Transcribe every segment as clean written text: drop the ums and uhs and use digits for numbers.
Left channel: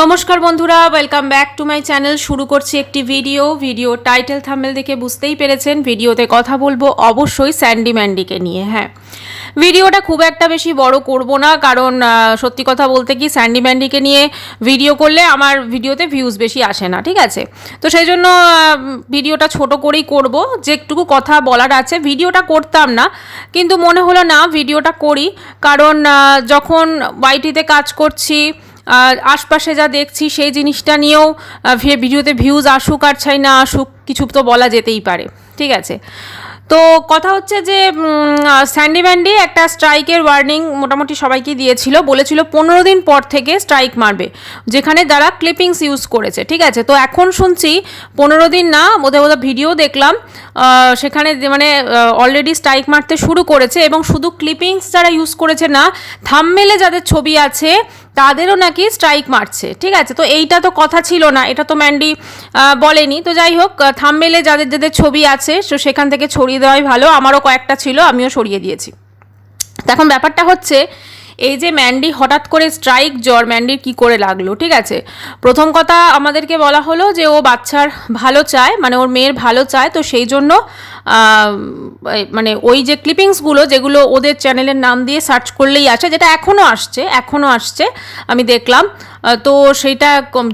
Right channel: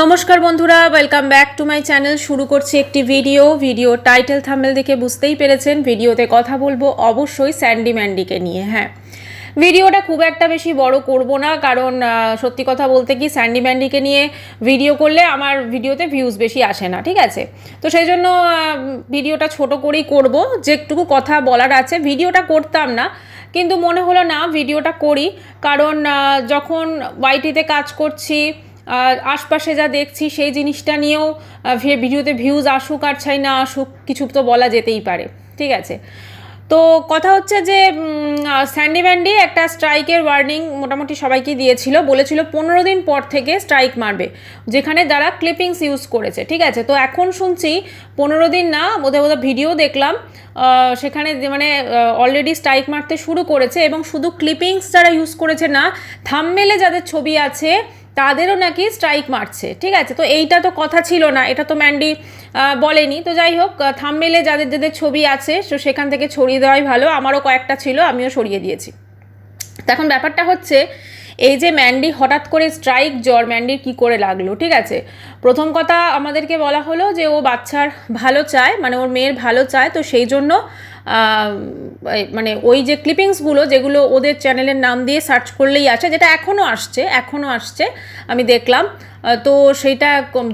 নমস্কার বন্ধুরা, welcome back to my channel. শুরু করছি একটি ভিডিও টাইটেল থাম্বনেল দেখে বুঝতেই পেরেছেন ভিডিওতে কথা বলবো অবশ্যই স্যান্ডি ম্যান্ডিকে নিয়ে। হ্যাঁ, ভিডিওটা খুব একটা বেশি বড় করব না, কারণ সত্যি কথা বলতে কি স্যান্ডি ম্যান্ডিকে নিয়ে ভিডিও করলে আমার ভিডিওতে ভিউজ বেশি আসে না, ঠিক আছে? তো সেই জন্য ভিডিওটা ছোট করেই করব। যেটুকু কথা বলার আছে ভিডিওটা করতাম না, কিন্তু মনে হলো না ভিডিওটা করি, কারণ যখন ওয়াইটিতে কাজ করছি আশপাশে যা দেখছি সেই জিনিসটা নিয়েও ভিডিওতে ভিউজ আসুক আর চাই না আসুক কিছু তো বলা যেতেই পারে, ঠিক আছে? তো কথা হচ্ছে যে স্যান্ডি ম্যান্ডি একটা স্ট্রাইকের ওয়ার্নিং মোটামুটি সবাইকেই দিয়েছিল, বলেছিল 15 দিন পর থেকে স্ট্রাইক মারবে যেখানে যারা ক্লিপিংস ইউজ করেছে, ঠিক আছে? তো এখন শুনছি 15 দিন না, বোধহয় ভিডিও দেখলাম সেখানে মানে অলরেডি স্ট্রাইক মারতে শুরু করেছে, এবং শুধু ক্লিপিংস যারা ইউজ করেছে না, থাম্বনেলে যাদের ছবি আছে তাদেরও নাকি স্ট্রাইক মারছে, ঠিক আছে? তো এইটা তো কথা ছিল না, এটা তো ম্যান্ডি বলেনি। তো যাই হোক, থাম্বনেলে যাদের যাদের ছবি আছে তো সেখান থেকে ছড়িয়ে দেওয়াই ভালো। আমারও কয়েকটা ছিল, আমিও সরিয়ে দিয়েছি। তো এখন ব্যাপারটা হচ্ছে এই যে ম্যান্ডি হঠাৎ করে স্ট্রাইক জ্বর ম্যান্ডির কি করে লাগলো, ঠিক আছে? প্রথম কথা আমাদেরকে বলা হলো যে ও বাচ্চার ভালো চায়, মানে ওর মেয়ের ভালো চায়, তো সেই জন্য মানে ওই যে ক্লিপিংসগুলো যেগুলো ওদের চ্যানেলের নাম দিয়ে সার্চ করলেই আসে, যেটা এখনও আসছে আমি দেখলাম, তো সেইটা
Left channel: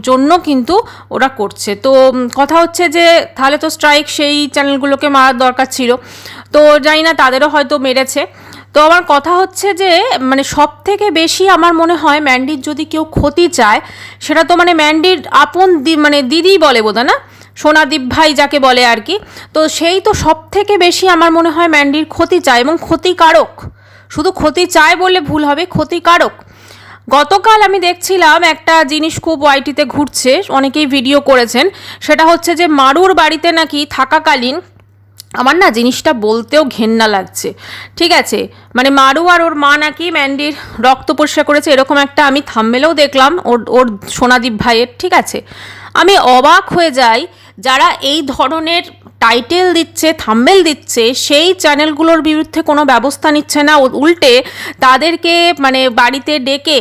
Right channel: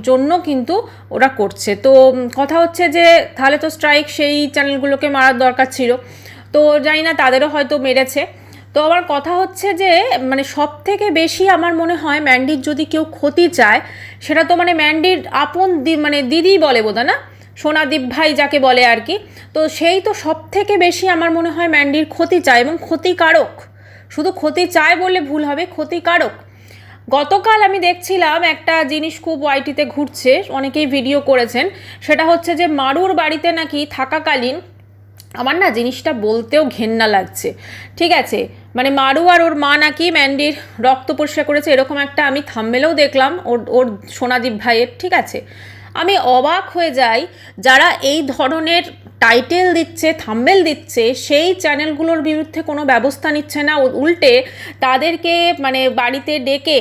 জন্য কিন্তু ওরা করছে। তো কথা হচ্ছে যে তাহলে তো স্ট্রাইক সেই চ্যানেলগুলোকে মারার দরকার ছিল, তো জানি না তাদেরও হয়তো মেরেছে। তো আমার কথা হচ্ছে যে মানে সব থেকে বেশি আমার মনে হয় ম্যান্ডির যদি কেউ ক্ষতি চায় সেটা তো মানে ম্যান্ডির আপন মানে দিদি বলে বোধহয় না, সোনাদীপ ভাই যাকে বলে আর কি। তো সেই তো সব থেকে বেশি আমার মনে হয় ম্যান্ডির ক্ষতি চায়, এবং ক্ষতিকারক। শুধু ক্ষতি চায় বললে ভুল হবে, ক্ষতিকারক। গতকাল আমি দেখছিলাম একটা জিনিস খুব ওয়াইটিতে ঘুরছে, অনেকেই ভিডিও করেছেন, সেটা হচ্ছে যে মারুর বাড়িতে নাকি থাকাকালীন, আমার না জিনিসটা বলতেও ঘেন্না লাগছে, ঠিক আছে? মানে মারু আর ওর মা নাকি ম্যান্ডির রক্ত পরিষ্কার করেছে, এরকম একটা আমি থাম্বনেলেও দেখলাম ওর সোনাদীপ ভাইয়ের, ঠিক আছে? আমি অবাক হয়ে যাই, যারা এই ধরনের টাইটেল দিচ্ছে, থাম্বনেল দিচ্ছে, সেই চ্যানেলগুলোর বিরুদ্ধে কোনো ব্যবস্থা নিচ্ছে না, উল্টে তাদেরকে মানে বাড়িতে ডেকে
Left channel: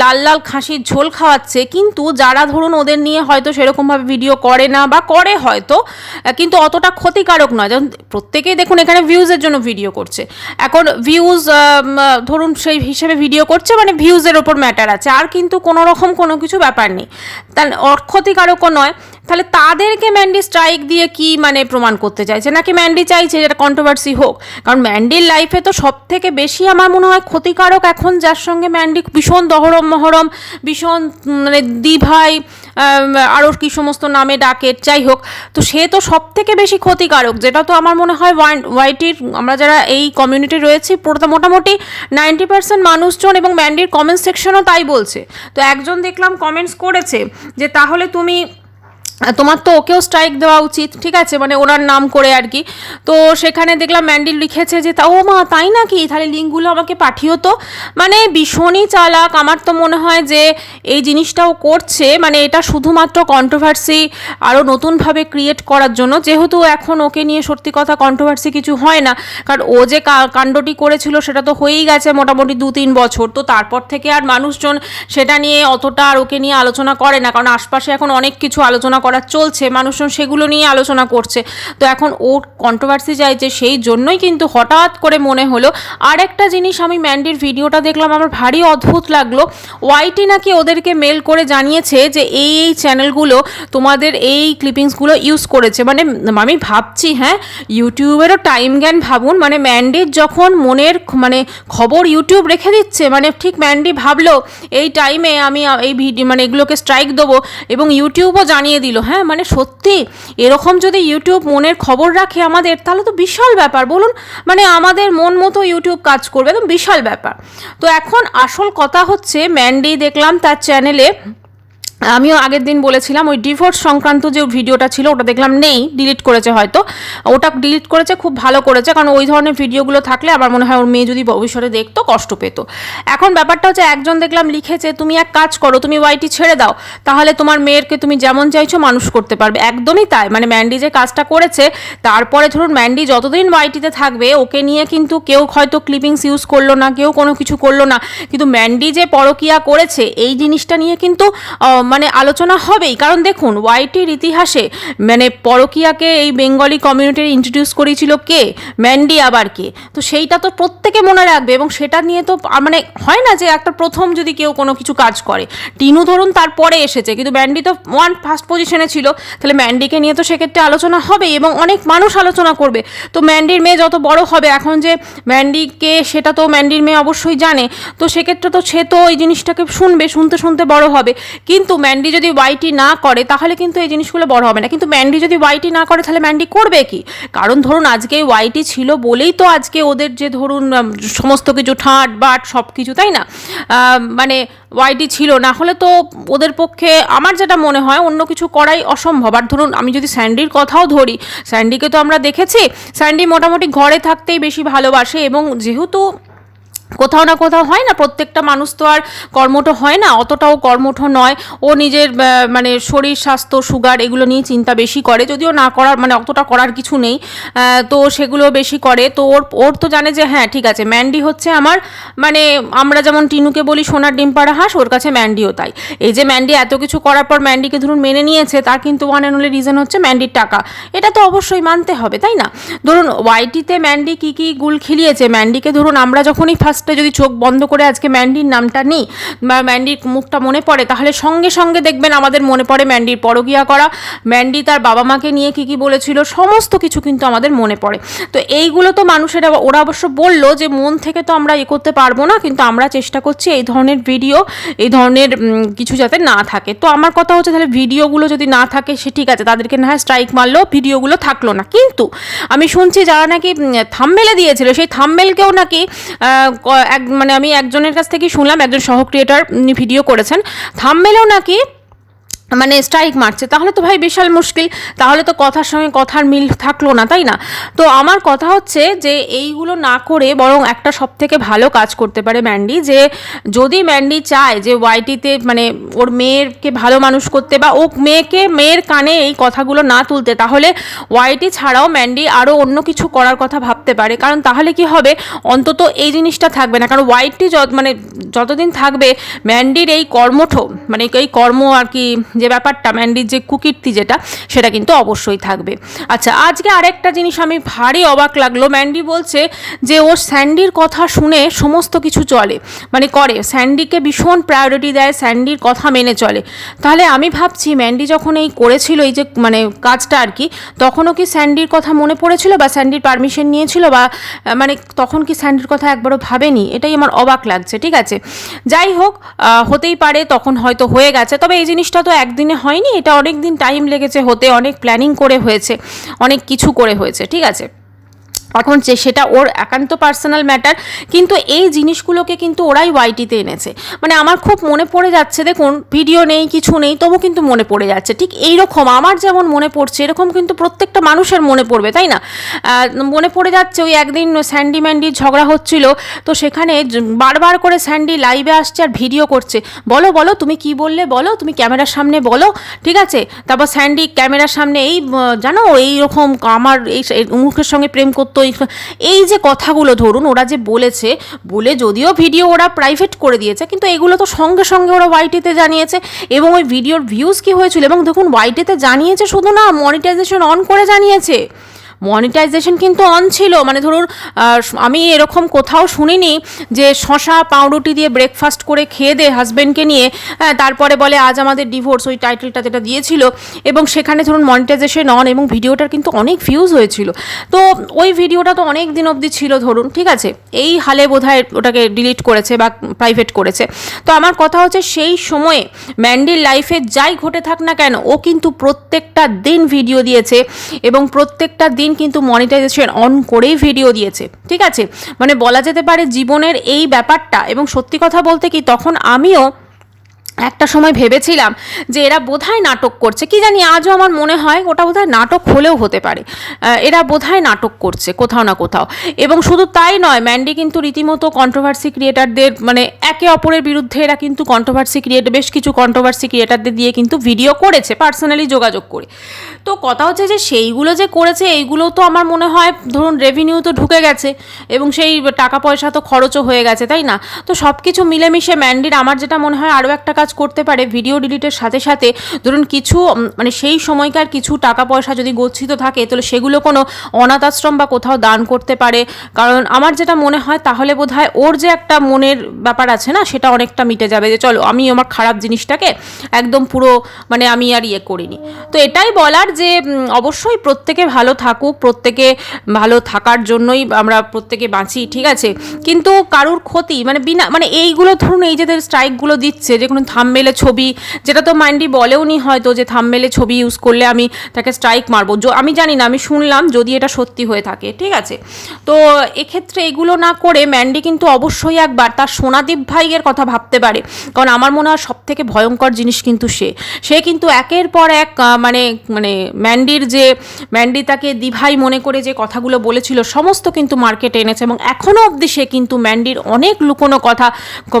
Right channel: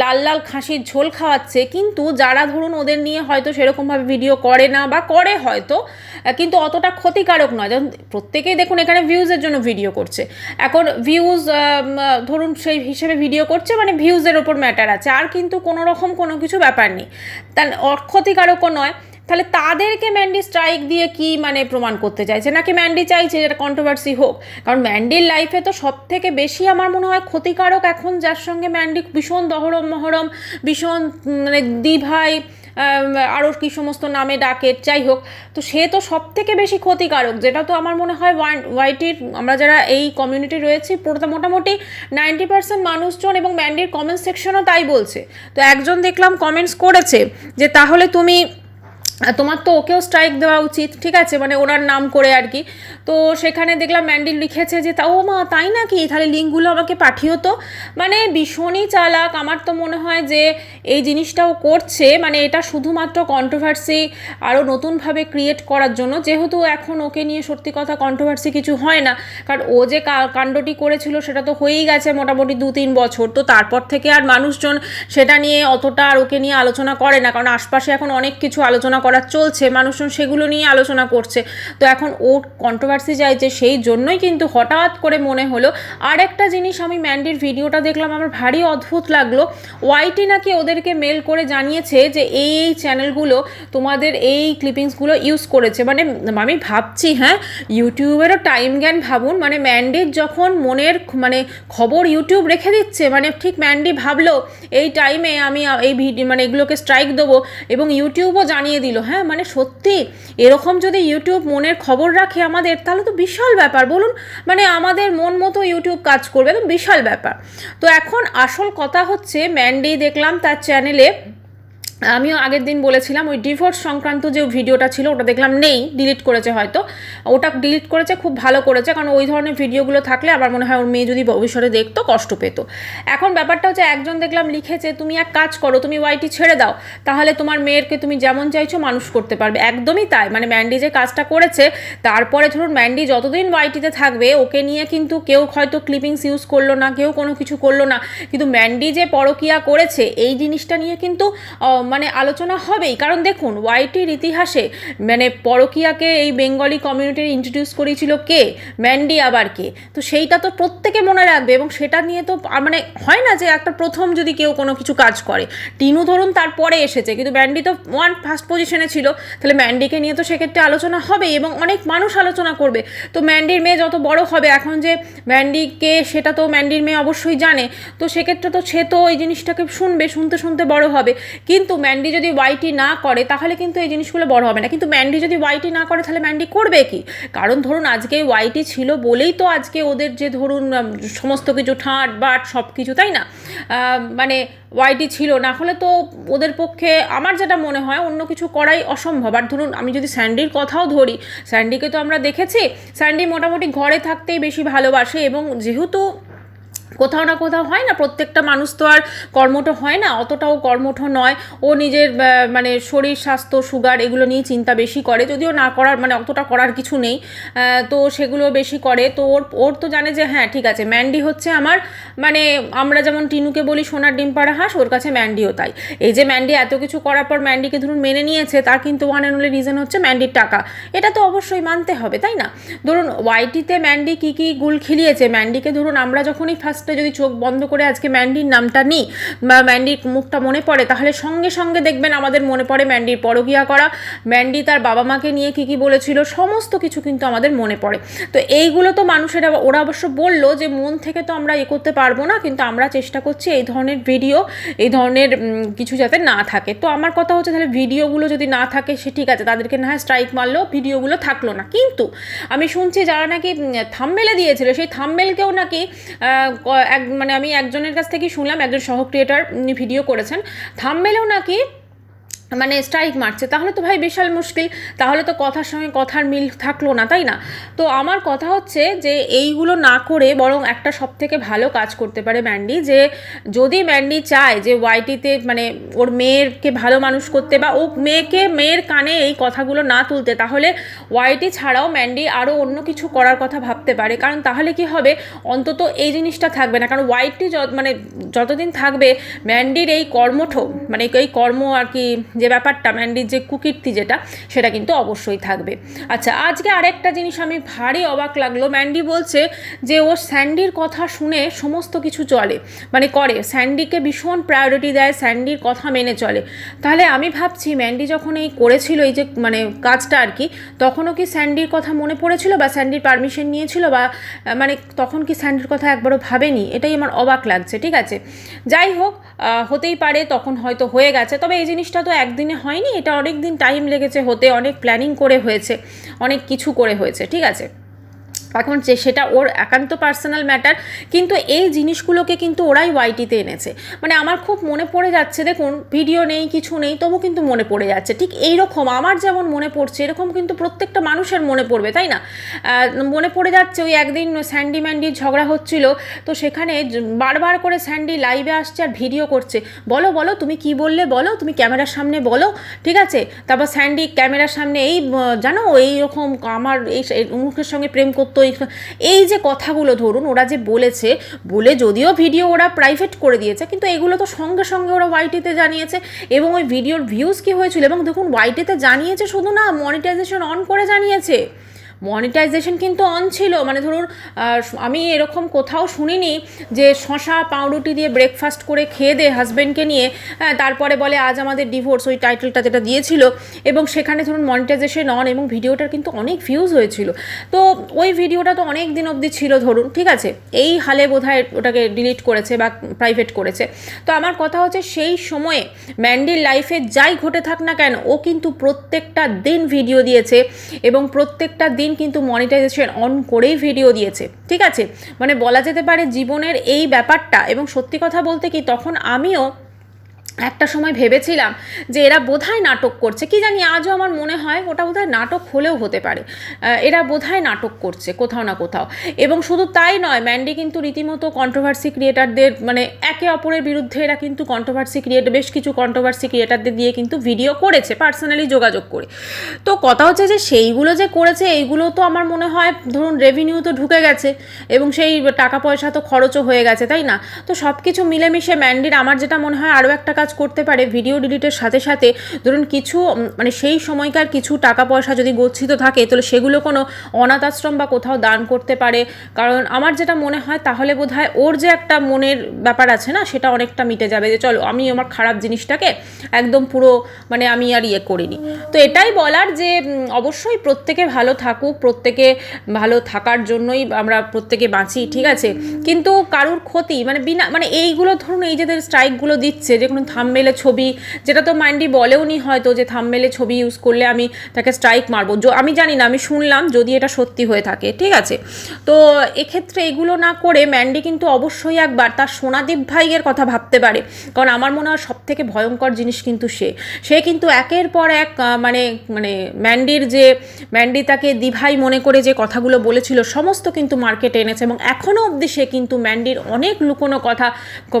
লাল লাল খাসির ঝোল খাওয়াচ্ছে। কিন্তু যারা ধরুন ওদের নিয়ে হয়তো সেরকমভাবে ভিডিও করে না বা করে হয়তো, কিন্তু অতটা ক্ষতিকারক নয়। যেমন প্রত্যেকেই দেখুন এখানে ভিউজের জন্য ভিডিও করছে, এখন ভিউজ ধরুন সেই হিসেবে ভিডিও করছে, মানে ভিউজের ওপর ম্যাটার আছে, আর কিন্তু কোনো রকম কোনো কিছু ব্যাপার নেই, তাহলে ক্ষতিকারকও নয়। তাহলে তাদেরকে ম্যান্ডি স্ট্রাইক দিয়ে কি মানে প্রমাণ করতে চাইছে, নাকি ম্যান্ডি চাইছে যেটা কন্ট্রোভার্সি হোক? কারণ ম্যান্ডির লাইফে তো সব থেকে বেশি আমার মনে হয় ক্ষতিকারক এখন যার সঙ্গে ম্যান্ডি ভীষণ দহরম মহরম, ভীষণ মানে দিভাই, আরও কি সমস্ত নামে ডাকে, যাই হোক, তো সে তো সব থেকে বেশি ক্ষতিকারক, যেটা তো আমার মনে হয় ওয়াইটির আমরা যারা এই কমিউনিটি রয়েছি মোটামুটি 90% মানুষজন, এবং ম্যান্ডির কমেন্ট সেকশনও তাই বলছে। তো একজন দেখলাম কমেন্টস করেছে যে তাহলে তোমার তো ওকেও স্ট্রাইক দেওয়া উচিত, ঠিক আছে, মানে ওনার নাম করে আর কি। তো সেখানে দেখলাম ম্যান্ডি লিখেছে যে ও মা তাই নাকি, তাহলে লিঙ্কগুলো আমাকে পাঠিও তো। মানে ভীষণই চালাক। আমার তো মনে হয় যে এই জিনিসটাও করছে মানে এটা শুধুমাত্র কন্ট্রোভার্সি আরও নতুনভাবে ক্রিয়েট করার জন্য, যেহেতু এখন ওকে নিয়ে সত্যি কথা কন্ট্রোভার্সি কিছু হয় না, কারণ ও যে কাণ্ডটি করেছিল সেটা তো হয়েই গেছে মোটামুটি 2-3 বছর। তো তারপর থেকে আর মানুষজন সেটা নিয়ে অতটা আর ওকে নিয়ে আলোচনা করে না, কারণ আশপাশে এখন অনেক কিছু আলোচনা করা চলছে, মানুষজন সেগুলো নিয়ে আলোচনা করছে। তো এখন ওর কন্ট্রোভার্সি চাইছে, সেই জন্যই কিন্তু হঠাৎ করে মনে হলো। আর একটা জিনিস আমি ম্যান্ডির ভিডিওটা দেখলাম, আমার ভারী অদ্ভুত লাগলো। ওয়াইটি নাকি ওদেরকে মেল করে জানিয়েছে যে এই চ্যানেলগুলো তোমাদের এই ক্লিপিংসগুলো ইউজ করেছে। মানে আমি ভাবছি, হ্যাঁ, ইউটিউবেরও টাইম জ্ঞান ভাবুন। মানে ম্যান্ডির যখন মনের মানে খবর ইউটিউব রেখে দিচ্ছে, মানে ঠিক ম্যান্ডি ভাবলো এই টাইমে আমি এই ভিডিও মানে এগুলোকে স্ট্রাইক দেবো, এবং ইউটিউবও জানিয়ে দিল। হ্যাঁ, মানে সত্যি এরকম যদি ইউটিউব মনের খবর রাখে আমাদের, তাহলে তো বিশাল ব্যাপার, বলুন? মানে আমাদের মন মতো ইউটিউব কাজ করবে, একদম বিশাল ব্যাপার। তো এখন আসল কথা হচ্ছে ম্যান্ডি দেখলাম তার চ্যানেলে আমিও আগের দিন বলেছিলাম ওই ডিভোর্স সংক্রান্ত যে ভিডিওটা ছিল ওটা দেখলাম নেই, ডিলিট করেছে হয়তো, ওটা ডিলিট করেছে, খুব ভালো করেছে, কারণ ওই ধরনের ভিডিওগুলো থাকলে আমার মনে হয় ওর মেয়ে যদি ভবিষ্যতে দেখতো কষ্ট পেতো। এখন ব্যাপারটা হচ্ছে একজন দেখলাম লিখেছে তুমি এক কাজ করো, তুমি ওয়াইটি ছেড়ে দাও, তাহলে তোমার মেয়েরকে তুমি যেমন চাইছো মানুষ করতে পারবে। একদমই তাই, মানে ম্যান্ডি যে কাজটা করেছে, তারপরে ধরুন ম্যান্ডি যতদিন ওয়াইটিতে থাকবে ওকে নিয়ে কিন্তু কেউ হয়তো ক্লিপিংস ইউজ করলো না, কেউ কোনো কিছু করলো না, কিন্তু ম্যান্ডি যে পরকীয়া করেছে এই জিনিসটা নিয়ে কিন্তু মানে আলোচনা হবেই। কারণ দেখুন ওয়াইটির ইতিহাসে মানে পরকীয়াকে এই বেঙ্গলি কমিউনিটির ইন্ট্রোডিউস করেছিল কে? ম্যান্ডি, আবার কে? তো সেইটা তো প্রত্যেকে মনে রাখবে, এবং সেটা নিয়ে তো মানে হয় না যে একটা প্রথম যদি কেউ কোনো কিছু কাজ করে, টিনু ধরুন তারপরে এসেছে, কিন্তু ম্যান্ডি তো ফার্স্ট পজিশনে ছিল, তাহলে ম্যান্ডিকে নিয়ে তো সেক্ষেত্রে আলোচনা হবে এবং অনেক মানুষ আলোচনা করবে। তো ম্যান্ডির মেয়ে যত বড় হবে, এখন যে ম্যান্ডিকে সেটা তো ম্যান্ডির মেয়ে অবশ্যই জানে, তো সেক্ষেত্রে তো সে তো এই জিনিসটাকে শুনবে, শুনতে শুনতে বড় হবে। কিন্তু ম্যান্ডি যদি ওয়াইটি না করে তাহলে কিন্তু এই জিনিসগুলো বড় হবে না। কিন্তু ম্যান্ডি যদি ওয়াইটি না করে তাহলে ম্যান্ডি করবে কি? কারণ ধরুন আজকে ওয়াইটি ছিল বলেই তো আজকে ওদের যে ধরুন সমস্ত কিছু ঠাঁট বাট সব কিছু, তাই না? মানে ওয়াইটি ছিল না হলে তো ওদের পক্ষে আমার যেটা মনে হয় অন্য কিছু করাই অসম্ভব। আর ধরুন আমি যদি স্যান্ডির কথাও ধরি, স্যান্ডিকে তো আমরা দেখেছি স্যান্ডি মোটামুটি ঘরে থাকতেই বেশি ভালোবাসে, এবং যেহেতু কোথাও না কোথাও হয় না, প্রত্যেকটা মানুষ তো আর কর্মঠ হয় না, অতটাও কর্মঠ নয়, ও নিজের মানে শরীর স্বাস্থ্য সুগার এগুলো নিয়ে চিন্তা বেশি করে, যদিও না করার মানে অতটা করার কিছু নেই, তো সেগুলো বেশি করে। তো ওর তো জানে যে হ্যাঁ ঠিক আছে ম্যান্ডি হচ্ছে আমার, মানে আমরা যেমন টিনুকে বলি সোনার ডিম পাড়া হাঁস, ওর কাছে ম্যান্ডিও তাই। এই যে ম্যান্ডি এত কিছু করার পর ম্যান্ডিকে ধরুন মেনে নিয়েছে, তার কিন্তু ওয়ান অ্যান্ড অনলি রিজন হচ্ছে ম্যান্ডির টাকা, এটা তো অবশ্যই মানতে হবে, তাই না? ধরুন ওয়াইটিতে ম্যান্ডি কী কী গুল খিলিয়েছে, ম্যান্ডিকে ধরুন আমরা যখনই ফার্স্টে যদি চোখ বন্ধ করে আজকে ম্যান্ডির নামটা নিই বা ম্যান্ডির মুখটা মনে পড়ে, তাহলে সঙ্গে সঙ্গে দেখবেন আমাদের মনে পড়ে ম্যান্ডির পরকীয়া করা, ম্যান্ডি তার বাবা মাকে নিয়ে কী কী বলেছিল, সমস্ত কিছু কিন্তু আমাদের মনে পড়ে। তো এইগুলো তো মানুষেরা, ওরা অবশ্য বললো যে মন থেকে তো আমরা করতে পারবো না, কিন্তু আমরা চেষ্টা করছি এই ধরনের ভিডিও, এই ধরনের কিছু যাতে না থাকে। তো আমার কথা হচ্ছে তাহলে ভিডিওগুলো যদি না থাকে সে ঠিক আছে, তাদেরকে না হয় স্ট্রাইক মারলো, ভিডিওগুলো থাকলো না। কিন্তু আমি শুনছি যারা নাকি থাম্বনেলে দিয়েছিল, সেই থাম্বনেলকেও নাকি মানে আমি একজনের কাছ থেকে শুনলাম, একজন সহ ক্রিয়েটার ভিডিও করেছেন, থাম্বনেলেও নাকি মানে স্ট্রাইক মারছে। তাহলে তো ভাই বিশাল মুশকিল, তাহলে তো কথার সঙ্গে কথার মিল থাকলো না, তাই না? তো আমার কথা হচ্ছে যে এইগুলো না করে বরং একটা সব থেকে ভালো কাজ করতে পারে ম্যান্ডি, যে যদি ম্যান্ডি চায় যে ওয়াইটিতে মানে ওর মেয়েরকে ভালো মানুষ করতে বা ও মেয়ের কানে এই কথাগুলো না তুলতে, তাহলে ওয়াইটি ছাড়াও ম্যান্ডি আরও অন্য কিছু করার কথা ভাবতে পারে। কারণ তাহলে কি হবে, অন্তত এই জিনিসটা থাকবে না। কারণ ওয়াইটি মানে যতদিন থাকবে ম্যান্ডির এই কর্মঠ মানে এই কর্ম আর কি, যে ব্যাপারটা ম্যান্ডির যে কুকীর্তি যেটা, সেটা কিন্তু অবশ্যই থাকবে। আচ্ছা, আজকে আরেকটা জিনিস আমি ভারী অবাক লাগলো, ম্যান্ডি বলছে যে ও স্যান্ডির কথা শুনে সমস্ত কিছু চলে, মানে করে, স্যান্ডিকে ভীষণ প্রায়োরিটি দেয়, স্যান্ডির কথা মেনে চলে। তাহলে আমি ভাবছি ম্যান্ডি যখন এই করেছিল এই যে মানে কাজটা আর কি, তখনও কি স্যান্ডির কথা মনে পড়েছিল বা স্যান্ডির পারমিশন নিয়েছিল, বা মানে তখন কি স্যান্ডির কথা একবারও ভাবেনি? এটাই আমার অবাক লাগছে। ঠিক আছে, যাই হোক, হতেই পারে তখন হয়তো হয়ে গেছে, তবে এই জিনিসটা তো একদিনে হয়নি, এটা অনেক দিন টাইম লেগেছে হতে, অনেক প্ল্যানিং করে হয়েছে, অনেক কিছু করে হয়েছে। ঠিক আছে, এখন সেটা ওর একান্ত পার্সোনাল ম্যাটার, কিন্তু এই জিনিসগুলোকে কিন্তু ওরাই ওয়াইটিতে এনেছে। মানে আমার খুব মনে পড়ে যাচ্ছে, দেখুন ভিডিও নেই কিছু নেই তবু কিন্তু মনে পড়ে যাচ্ছে, ঠিক এইরকম আমার যেমন মনে পড়ছে এরকম কিন্তু প্রত্যেকটা মানুষের মনে পড়বে, তাই না? মনে পড়ে যাচ্ছে ওই একদিন স্যান্ডি ম্যান্ডির ঝগড়া হচ্ছিল, তো সেখানে বারবার করে স্যান্ডি লাইভে আসছে আর ভিডিও করছে, বলো বলো তুমি কি বললে, বলো তুমি ক্যামেরার সামনে বলো। ঠিক আছে, তারপর স্যান্ডি ক্যামেরার সামনে এই জানো এইরকম আমার এই মুখের সঙ্গে প্রেম করতো, এই যে কথাগুলো ধরুন ওরা যে বলেছে, বলে যদিও ভিডিও ওরা প্রাইভেট করে দিয়েছে, কিন্তু এগুলো তো সঙ্গে সঙ্গে ওরা ওয়াইটিতে জানিয়েছে, এবং ওই ভিডিওর ভিউজ কি হয়েছিল, এবং দেখুন ওয়াইটিতে জানিয়েছে শুধু না, মনিটাইজেশন অন করে জানিয়েছে, মনিটাইজেশন কিন্তু অন ছিল। মানে ধরুন আমি এরকম কোথাও শুনিনি যে শশা পাউরুটি দিয়ে ব্রেকফাস্ট করে খেয়ে দে হাজব্যান্ডকে নিয়ে, তারপরে বলে আজ আমাদের ডিভোর্স, ওই টাইটেলটা যেটা দিয়েছিল, এবং সেখানে ধরুন মনিটাইজেশন অন, এবং ভিডিওটার কিন্তু অনেক ভিউজ হয়েছিল। তো ওই ভিডিওটা তো অনেক দিন অবধি ছিল ধরুন, ঠিক আছে, এই হালে বোধহয় ওটাকে ডিলিট করেছে বা প্রাইভেট করেছে। তো আমার কথা হচ্ছে সেই সময়ে ম্যান্ডির লাইফে যাই ঘটে থাক না কেন, ও কিন্তু প্রত্যেকটা দিন ভিডিও দিয়েছে, এবং প্রত্যেকটা দিন কিন্তু মনিটাইজেশন অন করেই ভিডিও দিয়েছে। ঠিক আছে, মানে বলা যেতে পারে জীবনের এই ব্যাপারটা, এবং সত্যি কথা বলতে কি তখন আমিও একটা সময় ভেবেছিলাম যে এরা বোধহয় নাটক করছে, কি জানি আজও আমার মনে হয় ওটা বোধহয় নাটক হলেও হতে পারে, এরা বোধহয় নাটক করছে কোথাও না কোথাও। এবং শুধু তাই নয়, ম্যান্ডি কিন্তু রীতিমতো কন্ট্রোভার্সি ক্রিয়েটারদের মানে একে অপরের বিরুদ্ধে এরা কিন্তু বেশ কিছু কন্ট্রোভার্সি ক্রিয়েটারদের দিয়ে কিন্তু ভিডিও করেছে পার্সোনালি যোগাযোগ করে। তো কথা হচ্ছে যে সেইগুলো যে করেছে এইগুলো তো আমার মনে হয় ধরুন রেভিনিউ তো ঢুকে গেছে এবং সেই টাকা পয়সা তো খরচও হয়ে গেছে, তাই না? তো সব কিছু মিলেমিশে ম্যান্ডির আমার যেটা মনে হয় আরও একটা কাজ করতে পারে, ভিডিও ডিলিটের সাথে সাথে ধরুন কিছু মানে সেই সময়কার কিছু টাকা পয়সা যদি গচ্ছিত থাকে তাহলে সেগুলো কোনো অনাথ আশ্রম বা কোথাও দান করতে পারে। কারণ আমার যেটা মনে হয় তাহলে বোধহয় ওর যে একটা মনের ব্যাপার আছে না, সেটা অনেকটা মিটে যাবে যে চলো আমি আমার খারাপ জিনিসটাকে একদম পুরো মানে আমি আর করিনি। তো এটাই বলার যে অবশ্যই প্রত্যেকে ভালো থাকুক, প্রত্যেকে ভালো থাকার জন্যই আমরা প্রত্যেকে বাঁচি, ঠিক আছে? কিন্তু কারুর ক্ষতি মানে বিনা মানে এইগুলো ধরুন এই যে স্ট্রাইকগুলো দিচ্ছে যে কোনো থাম্বনেলে ছবি, যেটা তো মাইন্ডি বলেও নি হয়তো যে থাম্বনেলে ছবি ইউজ করলে আমি তাকে স্ট্রাইক মারবো, আমি জানি না, আমি শুনলাম যদি এটা সত্যি হয়ে থাকে, ঠিক আছে? তো এক্ষেত্রে এগুলো না করে ম্যান্ডি কিন্তু অবশ্যই একবার তার সোনাদীপ ভাইয়ের কথা ভাবতে পারে। কারণ আমার মনে হয় সব থেকে ভয়ঙ্কর জিনিস কিন্তু সে কিন্তু একের পর এক মানে মানে ম্যান্ডি তাকে দিভাই মনে করে যে কথাগুলো বলেছিল সমস্ত কিন্তু মার্কেটে এনেছে এবং এখনও অবধি সে কিন্তু ম্যান্ডির অনেক লুকোনো কথা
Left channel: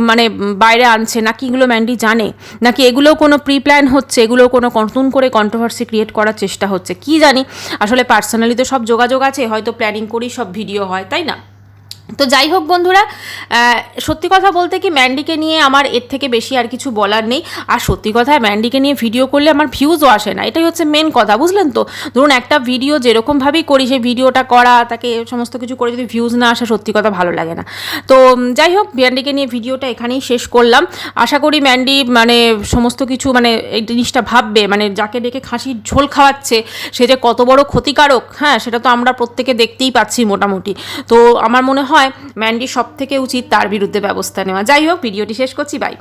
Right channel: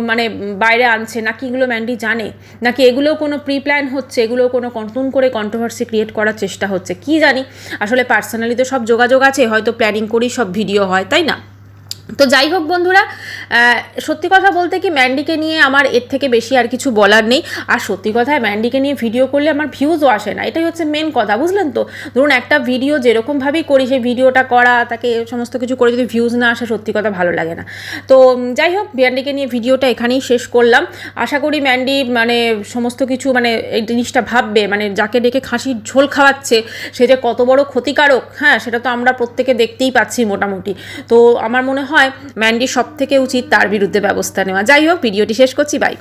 মানে বাইরে আনছে। নাকি এগুলো ম্যান্ডি জানে, নাকি এগুলো কোনো প্রি প্ল্যান হচ্ছে, এগুলো কোনো নতুন করে কন্ট্রোভার্সি ক্রিয়েট করার চেষ্টা হচ্ছে, কি জানি। আসলে পার্সোনালি তো সব যোগাযোগ আছে, হয়তো প্ল্যানিং করেই সব ভিডিও হয়, তাই না? তো যাই হোক বন্ধুরা, সত্যি কথা বলতে কি ম্যান্ডিকে নিয়ে আমার এর থেকে বেশি আর কিছু বলার নেই। আর সত্যি কথা ম্যান্ডিকে নিয়ে ভিডিও করলে আমার ভিউজও আসে না, এটাই হচ্ছে মেন কথা, বুঝলেন তো? ধরুন একটা ভিডিও যেরকমভাবেই করি সেই ভিডিওটা করা তাকে সমস্ত কিছু করে যদি ভিউজ না আসে সত্যি কথা ভালো লাগে না। তো যাই হোক, ম্যান্ডিকে নিয়ে ভিডিওটা এখানেই শেষ করলাম। আশা করি ম্যান্ডি মানে সমস্ত কিছু মানে এই জিনিসটা ভাববে, মানে যাকে ডেকে খাসির ঝোল খাওয়াচ্ছে সে যে কত বড় ক্ষতিকারক, হ্যাঁ সেটা তো আমরা প্রত্যেকে দেখতেই পাচ্ছি মোটামুটি। তো আমার মনে হয় ম্যান্ডি সব থেকে উচিত তার বিরুদ্ধে ব্যবস্থা নেওয়া। যাই হোক, ভিডিওটি শেষ করছি, বাই।